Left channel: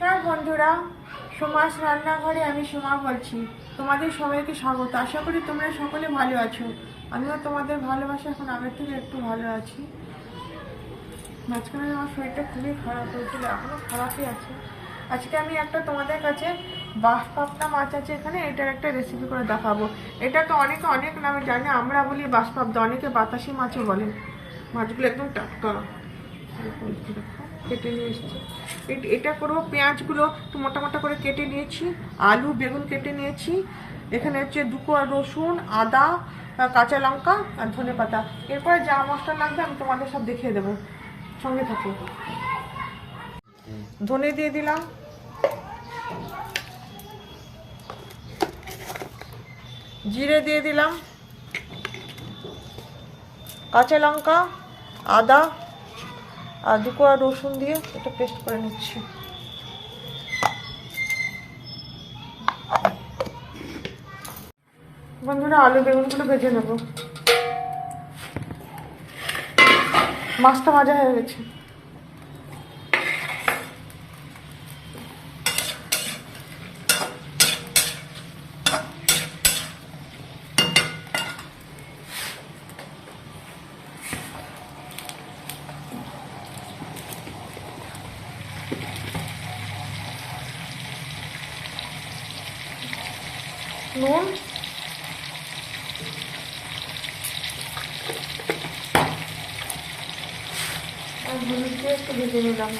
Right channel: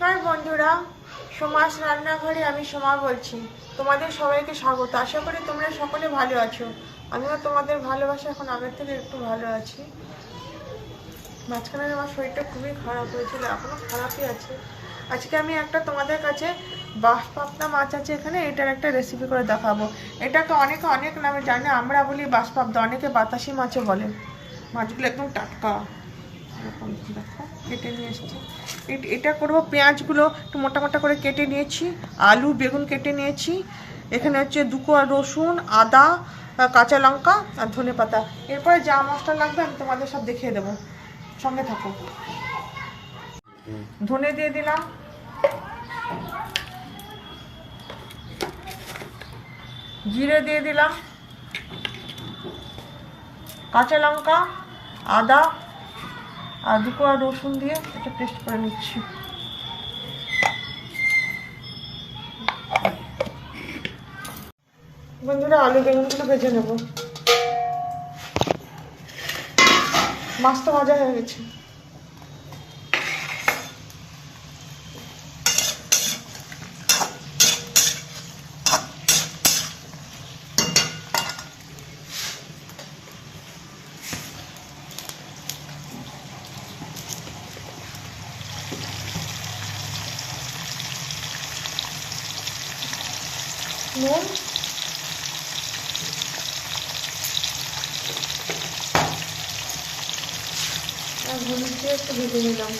নমস্কার বন্ধুরা, সোমাস রান্নাঘরে আমি সোমা বলছি। তোমাদের সবাইকে স্বাগত। আশা করি তোমরা সকলে ভালো আছো। আমিও তোমাদের ভালোবাসা এখন আগের থেকে একটু ভালো আছি। মাঝখানে আমার শরীরটা খুবই খারাপ হয়েছিল, এখনো খারাপই আছে। আজকে আমি একটা তোমাদের কাছে বাঁশপাবদা মাছ আছে এখানে, এটার একটা রেসিপি করে দেখাবো। এটাকে অনেকে অনেক নামে জানে, আমরা বলি বাঁশপাবদা, অনেকে বাতাসি মাছও বলে। মাছগুলো একদম টাটকা, কেটে নিয়ে এসেছি। এটা করবো, পেঁয়াজগুলো একটু মোটা মোটা করে কেটে নিয়েছি, আলু বেগুন কেটে নিয়েছি, এখানে হচ্ছে 2 কোয়া রসুন, আদা, কাঁচা লঙ্কা আর ধনে পাতা। এরপরে যা মশলা লাগবে আমি তোমাদের সব দেখিয়ে দেবো, সঙ্গে থাকো। ধনে দিয়ে দিলাম, জিরে দিয়ে দিলাম, কাঁচা লঙ্কা, আদা আর 2 কোয়া রসুন দিয়ে এটা পেস্ট করে নিচ্ছি। বন্ধুরা, আলু বেগুনগুলো ভেজে নেব। মাছটা ভাজা হয়ে গেছে। নুন, আর হলুদ দিয়ে একটু ভেজে নিলাম।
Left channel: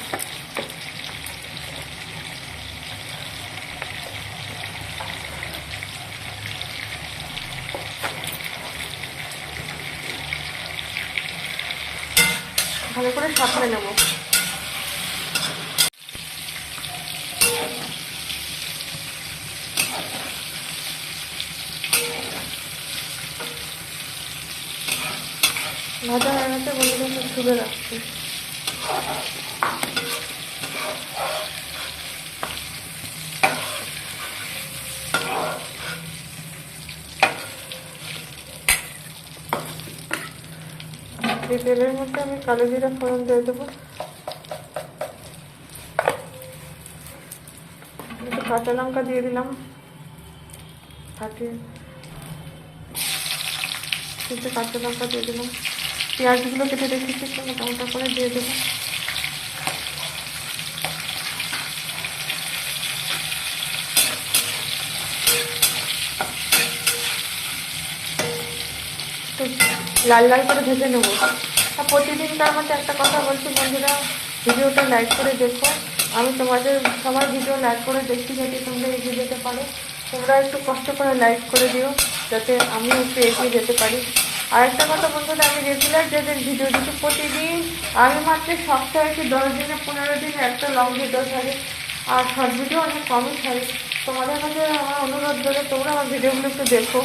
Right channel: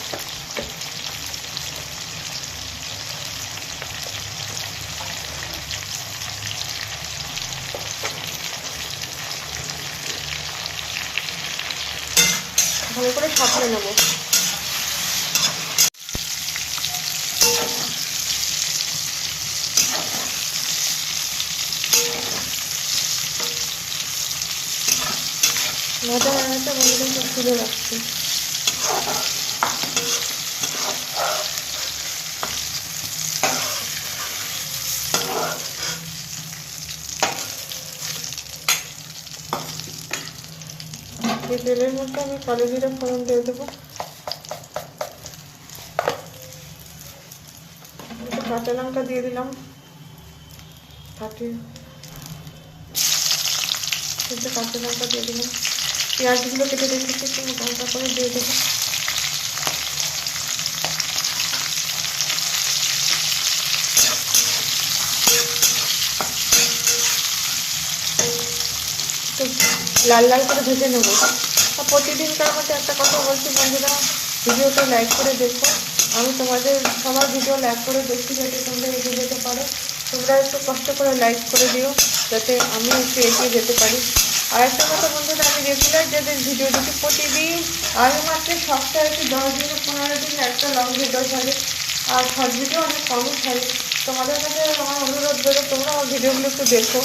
ভালো করে সাঁতলে নেব। ভাজা হয়ে গেছে, বন্ধুদের তুলে রাখছি। এই তেলের মধ্যে আমি কালো জিরা ফোড়ন দিয়ে দেবো, একটু কাঁচা লঙ্কা দিয়ে দিলাম, ফাটিয়ে একটু কাঁচা লঙ্কা দিয়ে দিলাম, পেঁয়াজগুলো কেটে রেখেছি একটু মোটা মোটা করে দিয়ে দেবো। লাল লাল করে ভেজে নেবো। আর প্রতিদিনকার মতো একটা কথা বলছি বন্ধুরা, ভিডিওটা লাইক করে দেখো। আমি তোমাদের সবার ভিডিও লাইক করে দেখতে যাতে তোমরা এগিয়ে যেতে পারো। তোমরা একটু কষ্ট করে লাইক করে দিও যাতে আমি একটু এগিয়ে যেতে পারি। আর একটা কথা বন্ধুরা, আমি রেগুলার যে ভিডিও দিচ্ছি প্রতিদিন, আমি মাত্র সপ্তাহে কি 10 দিনে 15 দিনে একটা লং ভিডিও ছাড়ি, আর শর্ট ভিডিও অনেক কমই ছাড়ি। তোমাদের কাছে আমার অনুরোধ করে তোমরা আমার ভিডিওগুলো একটু দেখো।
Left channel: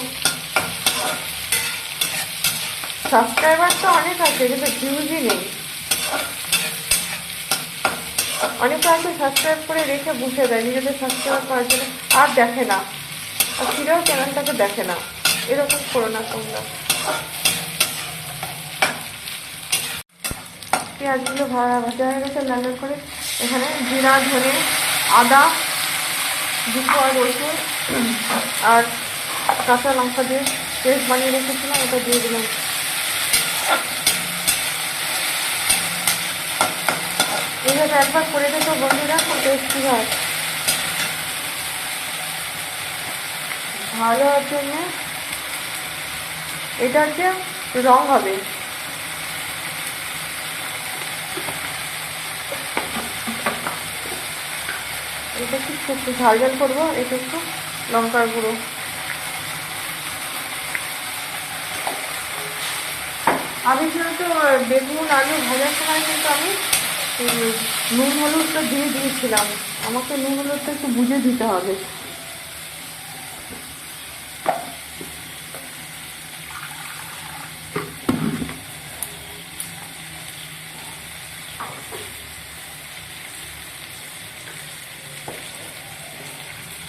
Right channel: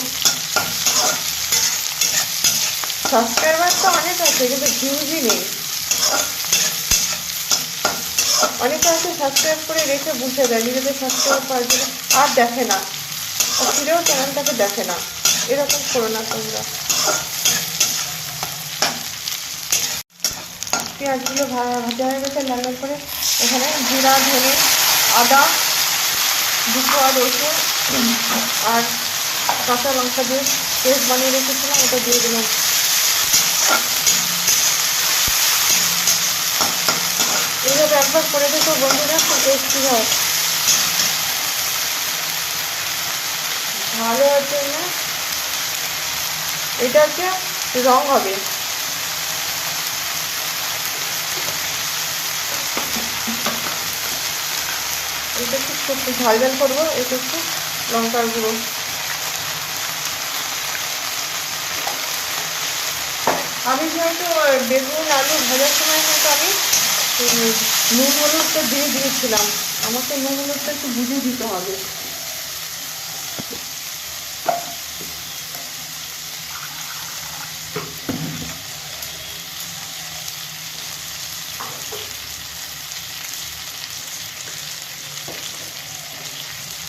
সাবস্ক্রাইবার তো অনেক আছে কিন্তু ভিউজই নেই। অনেকে আছে সাবস্ক্রাইব করে রেখে বসে দেয় নিজেদের সাবস্ক্রাইব করার জন্য, আর দেখে না, আর ফিরেও চ্যানেলটাকে দেখে না। এরকম করো না তোমরা। পেঁয়াজগুলো ভাজা হয়ে গেছে লাল লাল করে। এখানে জিরা, ধনে, আদা, 2 কোয়া রসুন আর কাঁচা লঙ্কা দিয়ে পেস্ট বানিয়ে রেখেছিলাম, ওটা দিয়ে দিলাম। এইভাবে একবার করে দেখো বন্ধুরা, খুব টেস্টি হয়। ভালো হওয়ার জন্য এটা হচ্ছে রং হবে। এটা একটু ঝাল ঝাল করবো, এটা একটু লঙ্কার গুঁড়ো। আমি যেহেতু বেগুন আলু ভাজার সময় কিন্তু আমি নুন হলুদটা দিয়ে দিয়েছিলাম, আমাকে নুন হলুদটা একটু বুঝে দিতে হবে।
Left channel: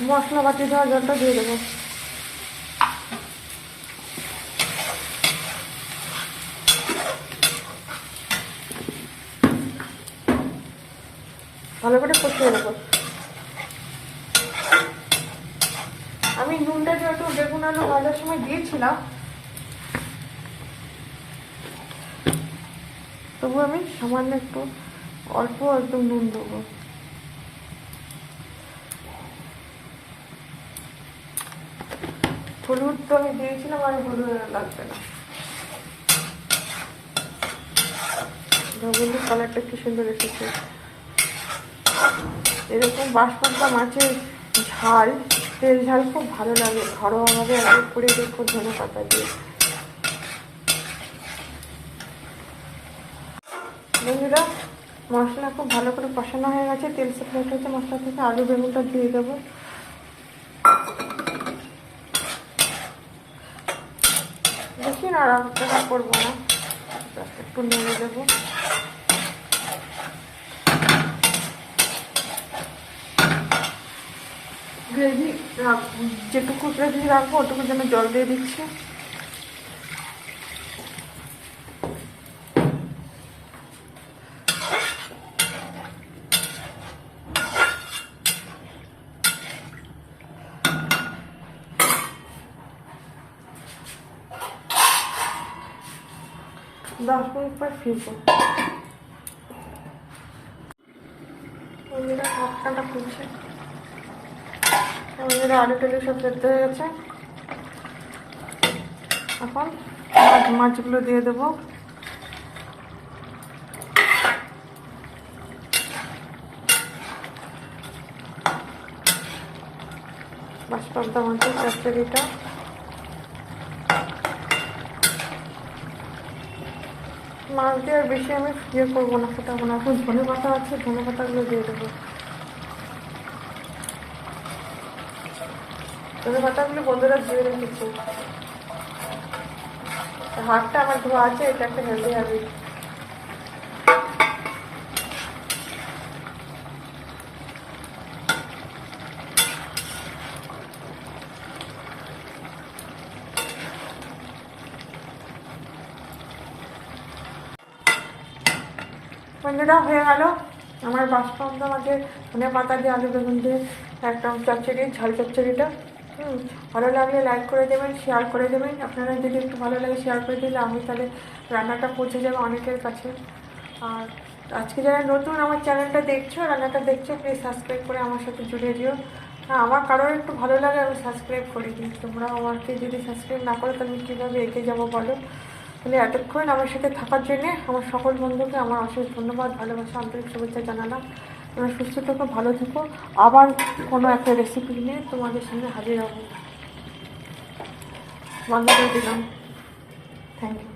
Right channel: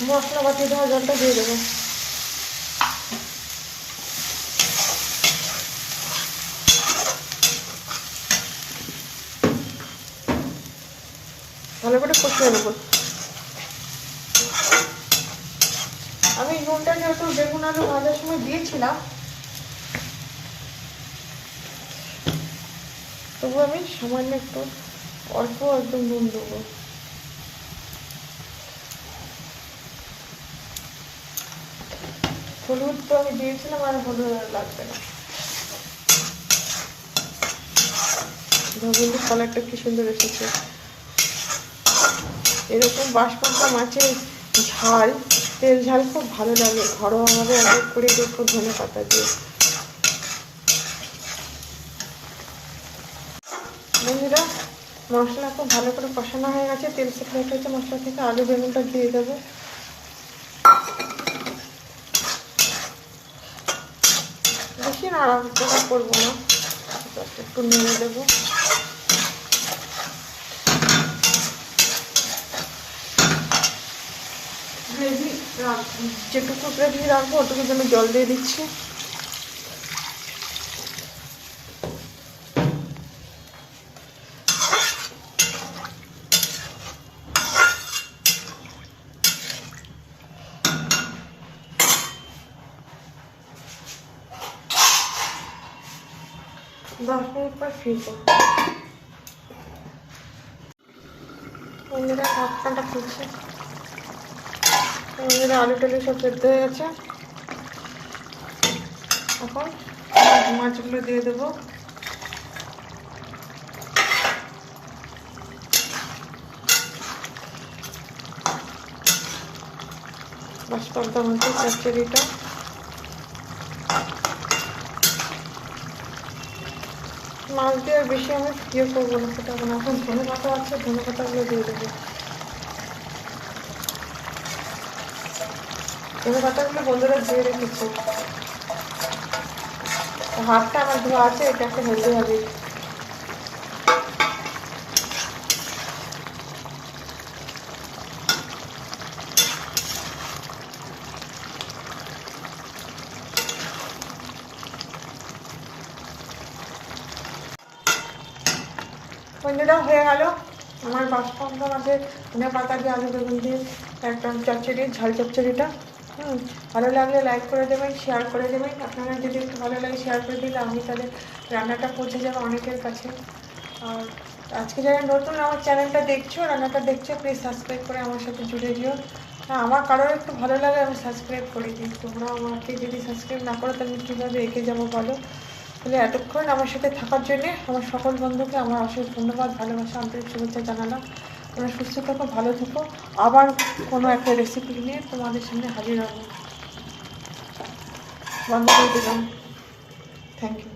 মশলাপাতি দেওয়া জলটা দিয়ে দেবো। ভালো করে কষিয়ে নেবো। নুনটা যেহেতু বেগুন আলু ভাজার সময় দিয়েছিলাম, তবু আমি সামান্য একটু অল্প একদম নুন দেবো। হলুদ তো আমি দিয়েছিলাম, আর হলুদ লাগবে না। কিন্তু কালারটা কি সুন্দর এসেছে। এরকম বাঁশপাতা মাছের ঝাল, তেল ঝাল খুব ভালো লাগে ঘরোয়াভাবে একবার করে দেখো ধনে পাতা দিয়ে। বন্ধুরা, মশলা খুব ভালো করে কষানো হয়ে গেছে, তেল সেপারেট হয়েছে মশলা থেকে। আলু বেগুনটা দিয়ে দেবো। বেশি নাড়াচাড়া করবো না, একটু নেড়ে দেবো। গ্রেভি যেটুকু গ্রেভি রাখবো ওটুকু জন্য জল দিয়ে দিচ্ছি। दस मिनट पर ফিরবো। বন্ধুরা ঢাকনাটা খুলছি। বন্ধুরা আলু টুলু সব সেদ্ধ হয়ে গেছে। এখন মাছগুলো দিয়ে দেবো। বাঁশপাতা মাছের চচ্চড়িটা মাছ দিয়ে আর বেশি আমি ইয়ে করবো না, ফোটাবো না। এখন ধনে পাতা আছে, ধনে পাতাগুলো দিয়ে দেবো। ধনে পাতাগুলো বন্ধুরা দিয়ে রেখেছি। হাতটা আমার ধোয়া আছে, এটা একটা হেলদি হ্যাবিট। বন্ধুরা হয়ে গেল আমার বাঁশপাতা মাছের ধনে পাতা দিয়ে আলু বেগুন দিয়ে একদম চচ্চড়ি, ঝাল চচ্চড়িটা। ভালো লাগলে লাইক করে দেবেন, শেয়ার করে দেবেন। আপনারা যদি একটু ভালো লাগে শেয়ার করে দিলে আমি তাহলে রান্নাটা পৌঁছে যাবে অনেকের কাছে। আর আজকে যারা নতুন আমার চ্যানেলটা দেখছো, রান্নাটা দেখছো, প্লিজ সাবস্ক্রাইব করে আমার সাথে জুড়ে দিও। হ্যাঁ, আমার কারোর একটু ভালো লাগে আমি সাবস্ক্রাইব করে দিই। তোমরা আমাকে যদি সাবস্ক্রাইব না করো তাহলে কীভাবে এগিয়ে যাবো বলো। তাহলে এতক্ষণ আমার সাথে থাকার জন্যে আমার সকল বন্ধুকে আমার অশেষ ধন্যবাদ, ভালোবাসা, আন্তরিক শুভেচ্ছা জানালাম। তোমরা সুস্থ থেকো, ভালো থেকো। আবার কোনো একটা রেসিপি নিয়ে তোমাদের সামনে হাজির হবো। বন্ধ করে দিলাম। Thank you.